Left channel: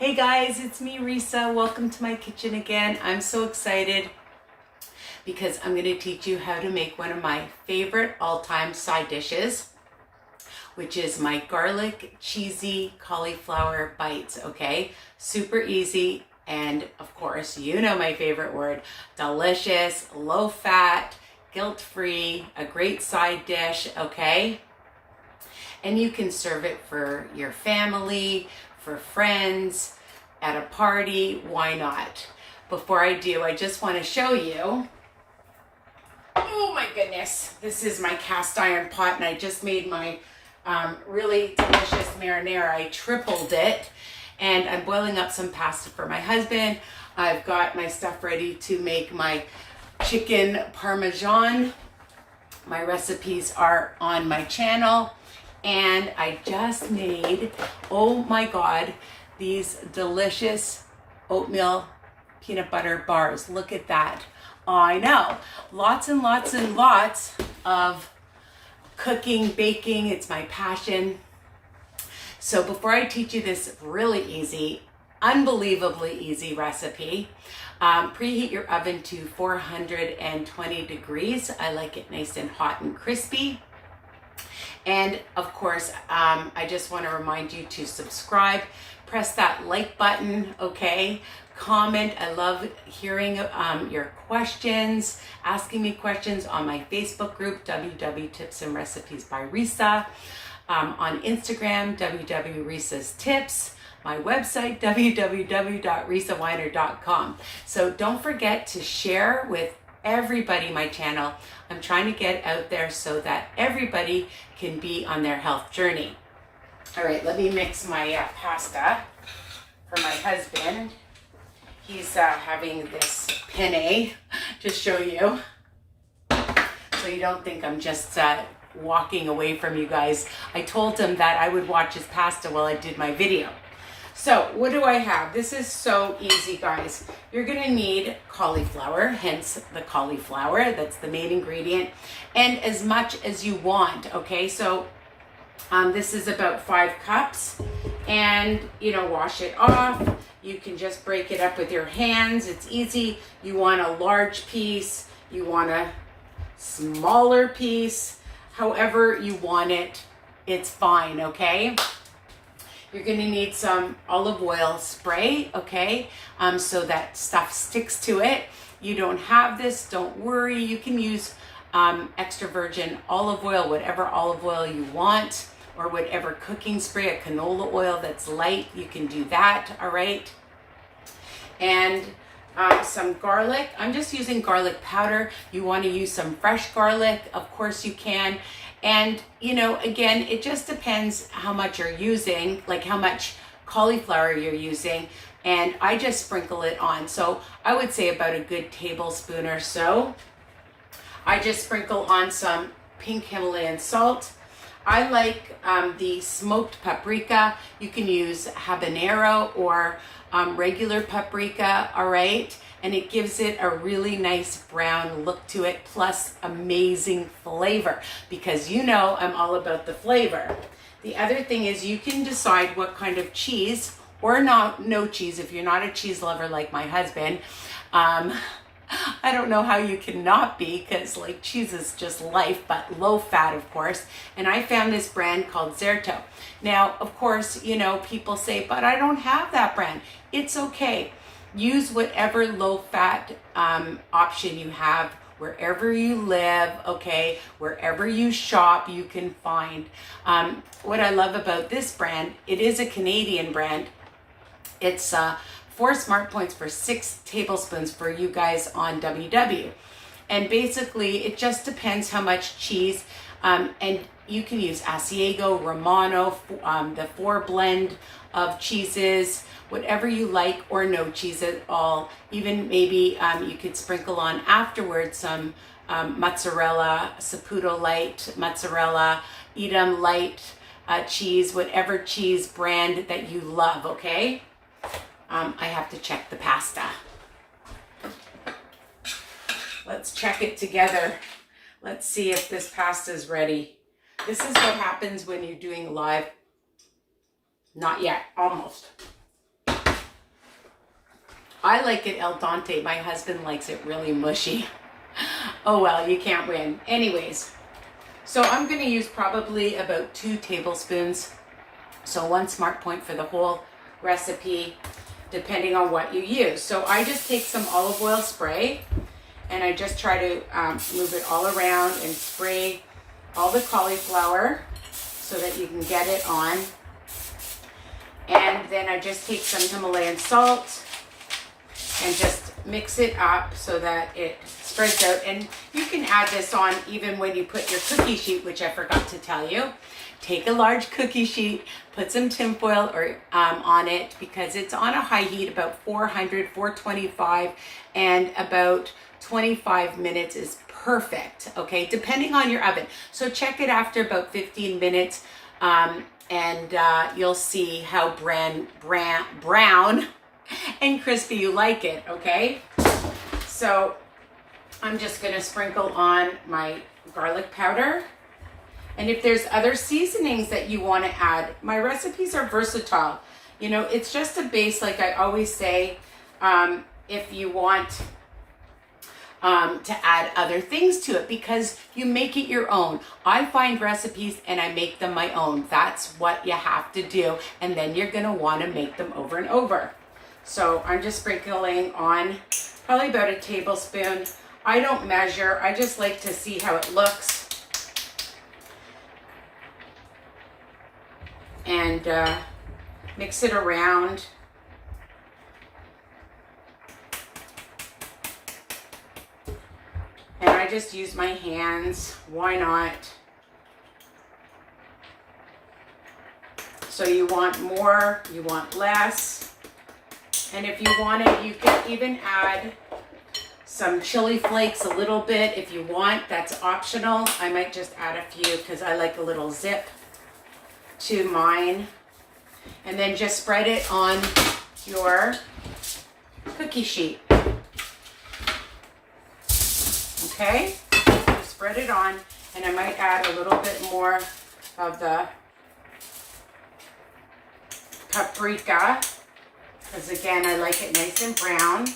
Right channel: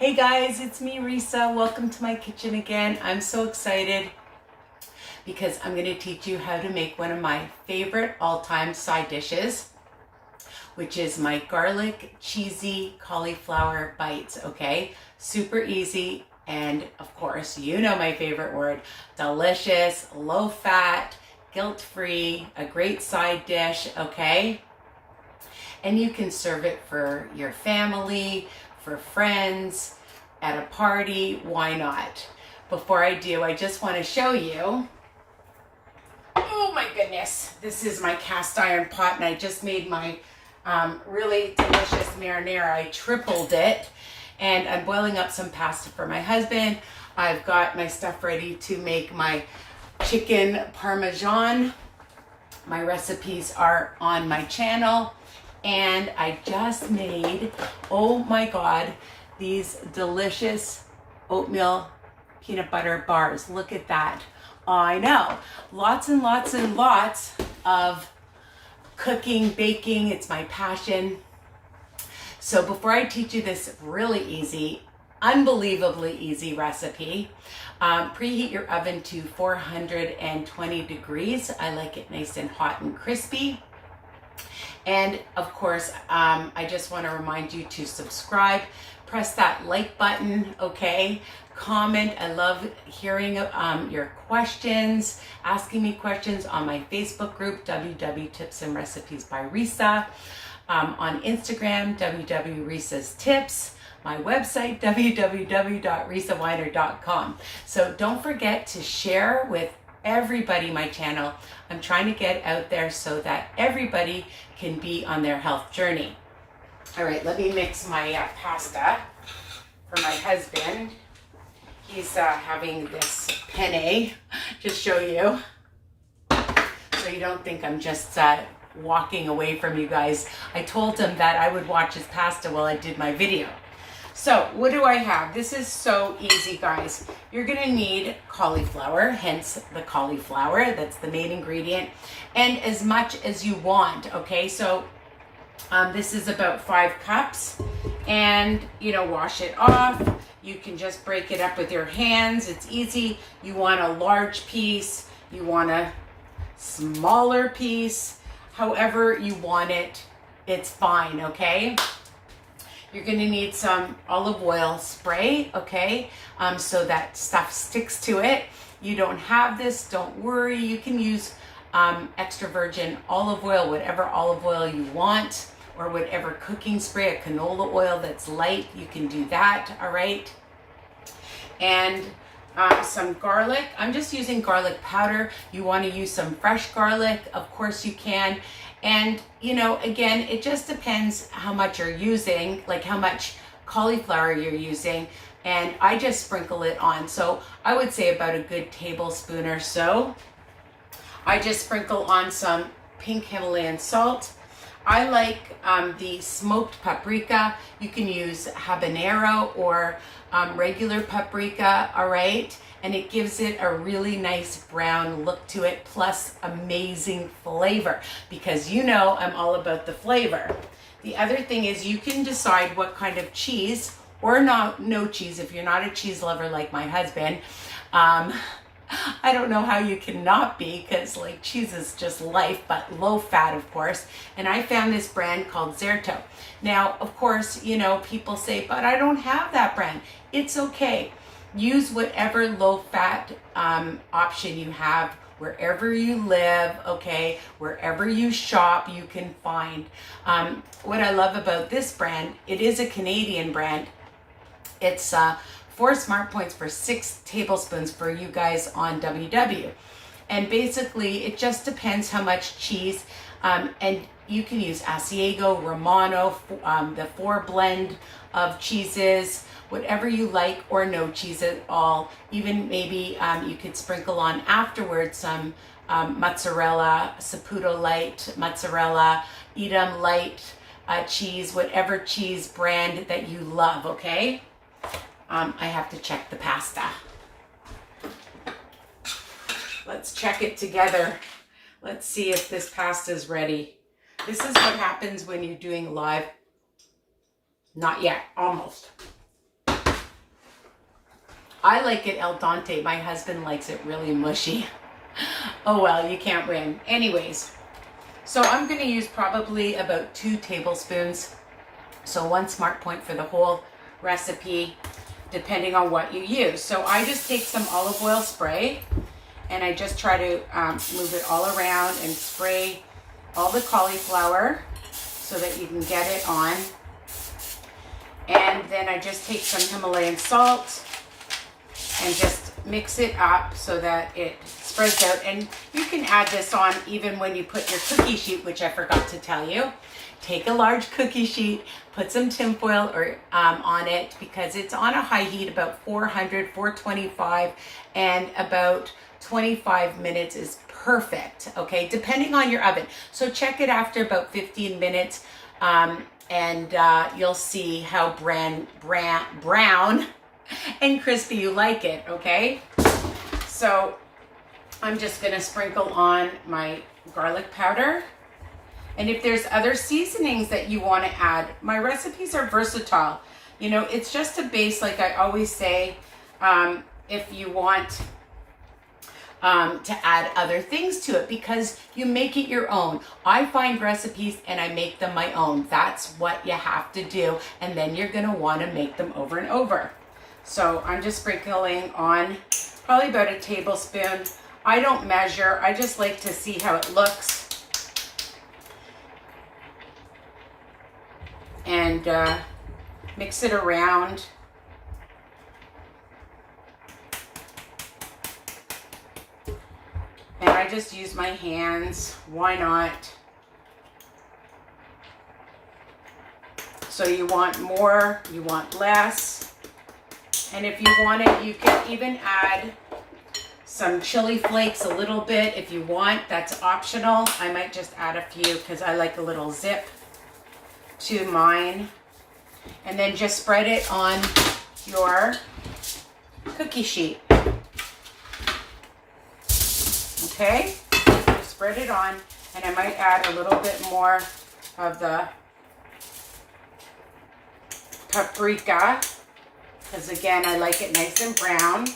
Hey guys, it's me, Risa. Welcome to my kitchen again. I'm so excited because I'm going to teach you how to make one of my favorite all-time side dishes, which is my garlic cheesy cauliflower bites, okay? Super easy, and of course, you know my favorite word, delicious, low fat, guilt-free, a great side dish, okay? And you can serve it for your family, for friends, at a party, why not? Before I do, I just want to show you, oh my goodness, this is my cast iron pot, and I just made my really delicious marinara. I tripled it, and I'm boiling up some pasta for my husband. I've got my stuff ready to make my chicken parmesan. My recipes are on my channel. And I just made, oh my God, these delicious oatmeal peanut butter bars. Look at that. I know, lots and lots and lots of cooking, baking. It's my passion. So before I teach you this really easy, unbelievably easy recipe, preheat your oven to 420 degrees. I like it nice and hot and crispy. And of course, I just want to remind you to subscribe, press that like button, okay? Comment. I love hearing your questions, asking me questions on my Facebook group, WW Tips and Recipes by Risa, on Instagram, WW Risa's Tips, my website, www.risaweiner.com. So don't forget to share with everybody my channel. I'm trying to get out there so that everybody can be on their health journey. All right, let me mix my pasta for my husband. He's having this penne to show you, so you don't think I'm just walking away from you guys. I told him that I would watch his pasta while I did my video. So what do I have? This is so easy, guys. You're gonna need cauliflower, hence the cauliflower. That's the main ingredient, and as much as you want, okay? So this is about 5 cups, and wash it off. You can just break it up with your hands. It's easy. You want a large piece, you want a smaller piece, however you want it, it's fine, okay? You're gonna need some olive oil spray, okay? So that stuff sticks to it. You don't have this, don't worry. You can use extra virgin olive oil, whatever olive oil you want, or whatever cooking spray, a canola oil that's light, you can do that, all right? And some garlic. I'm just using garlic powder. You wanna use some fresh garlic, of course you can. And, again, it just depends how much you're using, like how much cauliflower you're using. And I just sprinkle it on. So I would say about a good tablespoon or so. I just sprinkle on some pink Himalayan salt. I like the smoked paprika. You can use habanero or regular paprika, all right? And it gives it a really nice brown look to it, plus amazing flavor, because I'm all about the flavor. The other thing is you can decide what kind of cheese, or no cheese if you're not a cheese lover like my husband. I don't know how you cannot be, because cheese is just life, but low fat, of course. And I found this brand called Zerto. Now, of course, people say, but I don't have that brand. It's okay. Use whatever low-fat option you have wherever you live, okay? Wherever you shop, you can find. What I love about this brand, it is a Canadian brand. It's 4 smart points for 6 tablespoons for you guys on WW. And basically, it just depends how much cheese, and you can use Asiago, Romano, the 4 blend of cheeses, whatever you like, or no cheese at all. Even maybe you could sprinkle on afterwards some mozzarella, Saputo light mozzarella, Edam light cheese, whatever cheese brand that you love, okay? I have to check the pasta. Let's check it together. Let's see if this pasta is ready. This is what happens when you're doing live. Not yet, almost. I like it al dente. My husband likes it really mushy. Oh well, you can't win. Anyways, so I'm going to use probably about 2 tablespoons. So 1 smart point for the whole recipe, depending on what you use. So I just take some olive oil spray and I just try to move it all around and spray all the cauliflower so that you can get it on. And then I just take some Himalayan salt and just mix it up so that it spreads out. And you can add this on even when you put your cookie sheet, which I forgot to tell you. Take a large cookie sheet, put some tinfoil on it because it's on a high heat, about 400, 425, and about 25 minutes is perfect, okay, depending on your oven. So check it after about 15 minutes and you'll see how brown and crispy you like it, okay? So I'm just gonna sprinkle on my garlic powder. And if there's other seasonings that you want to add, my recipes are versatile. You know, it's just a base, like I always say, if you want to add other things to it, because you make it your own. I find recipes and I make them my own. That's what you have to do. And then you're going to want to make them over and over. So I'm just sprinkling on probably about a tablespoon. I don't measure. I just like to see how it looks. And mix it around. And I just use my hands. Why not? So you want more, you want less. And if you want it, you can even add some chili flakes, a little bit if you want. That's optional. I might just add a few because I like a little zip to mine. And then just spread it on your cookie sheet. Okay, so spread it on, and I might add a little bit more of the paprika, because again, I like it nice and brown.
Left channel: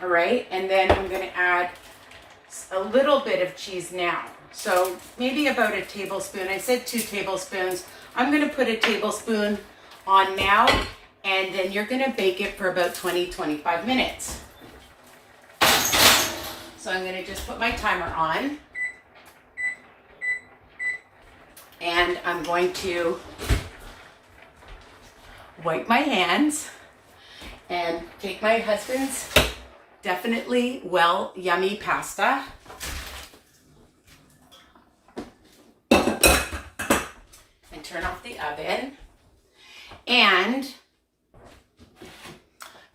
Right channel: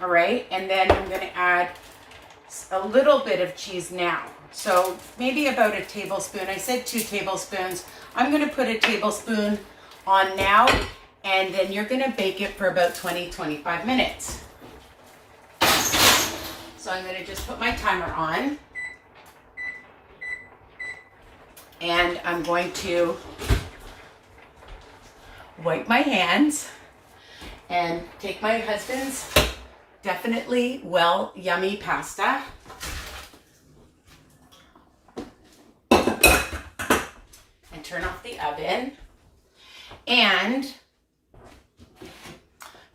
All right, and then I'm gonna add a little bit of cheese now. So maybe about a tablespoon. I said 2 tablespoons. I'm gonna put a tablespoon on now, and then you're gonna bake it for about 20-25 minutes. So I'm gonna just put my timer on, and I'm going to wipe my hands and take my husband's definitely yummy pasta. And turn off the oven. And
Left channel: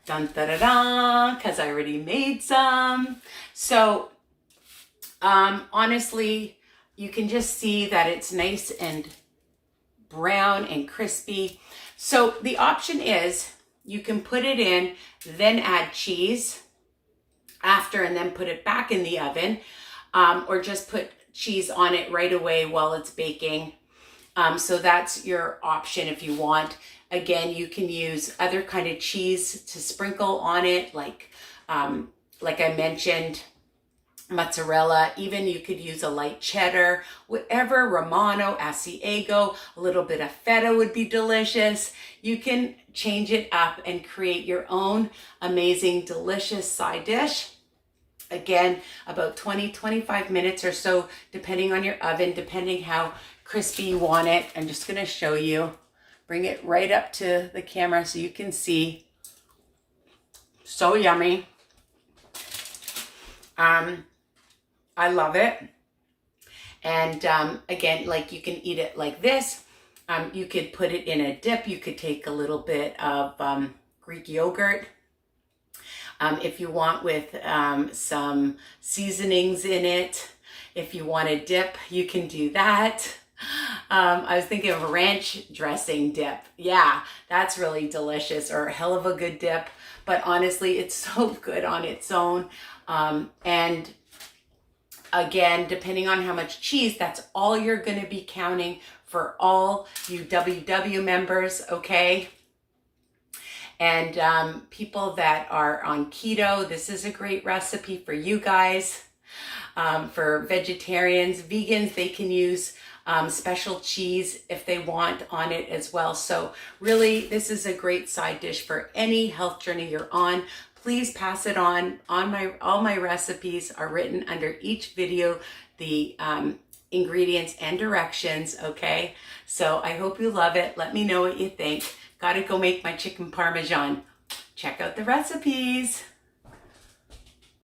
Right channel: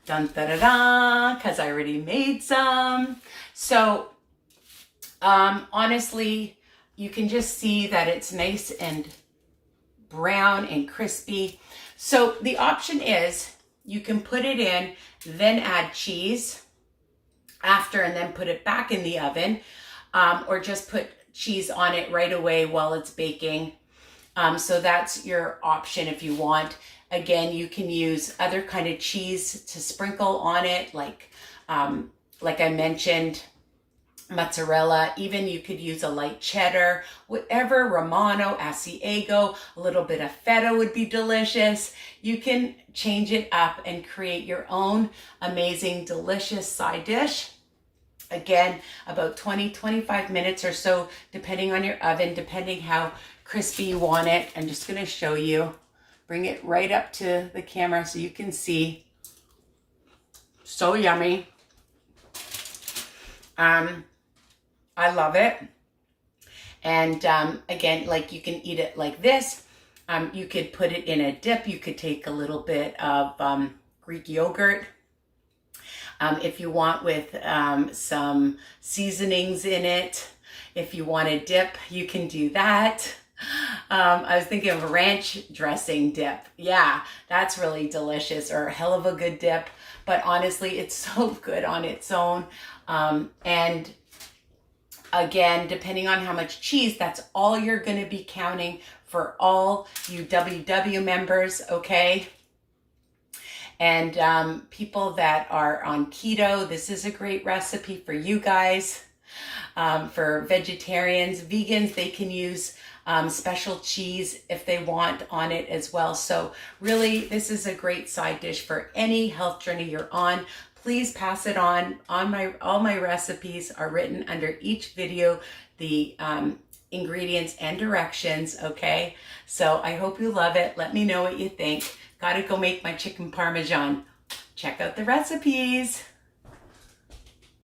dun da da da, because I already made some. So honestly, you can just see that it's nice and brown and crispy. So the option is you can put it in, then add cheese after, and then put it back in the oven, or just put cheese on it right away while it's baking. So that's your option if you want. Again, you can use other kind of cheese to sprinkle on it, like I mentioned, mozzarella. Even you could use a light cheddar, whatever, Romano, Asiago, a little bit of feta would be delicious. You can change it up and create your own amazing, delicious side dish. Again, about 20-25 minutes or so, depending on your oven, depending how crispy you want it. I'm just going to show you. Bring it right up to the camera so you can see. So yummy. I love it. And again, like you can eat it like this. You could put it in a dip. You could take a little bit of Greek yogurt. If you want, with some seasonings in it. If you want a dip, you can do that. I was thinking of a ranch dressing dip. Yeah, that's really delicious, or a hell of a good dip. But honestly, it's so good on its own. And again, depending on how much cheese, that's all you're going to be counting for all you WW members, okay? And people that are on keto, this is a great recipe for you guys. For vegetarians, vegans, they can use special cheese if they want on it as well. So really, this is a great side dish for any health journey you're on. Please pass it on. All my recipes are written under each video, the ingredients and directions, okay? So I hope you love it. Let me know what you think. Gotta go make my chicken parmesan. Check out the recipes.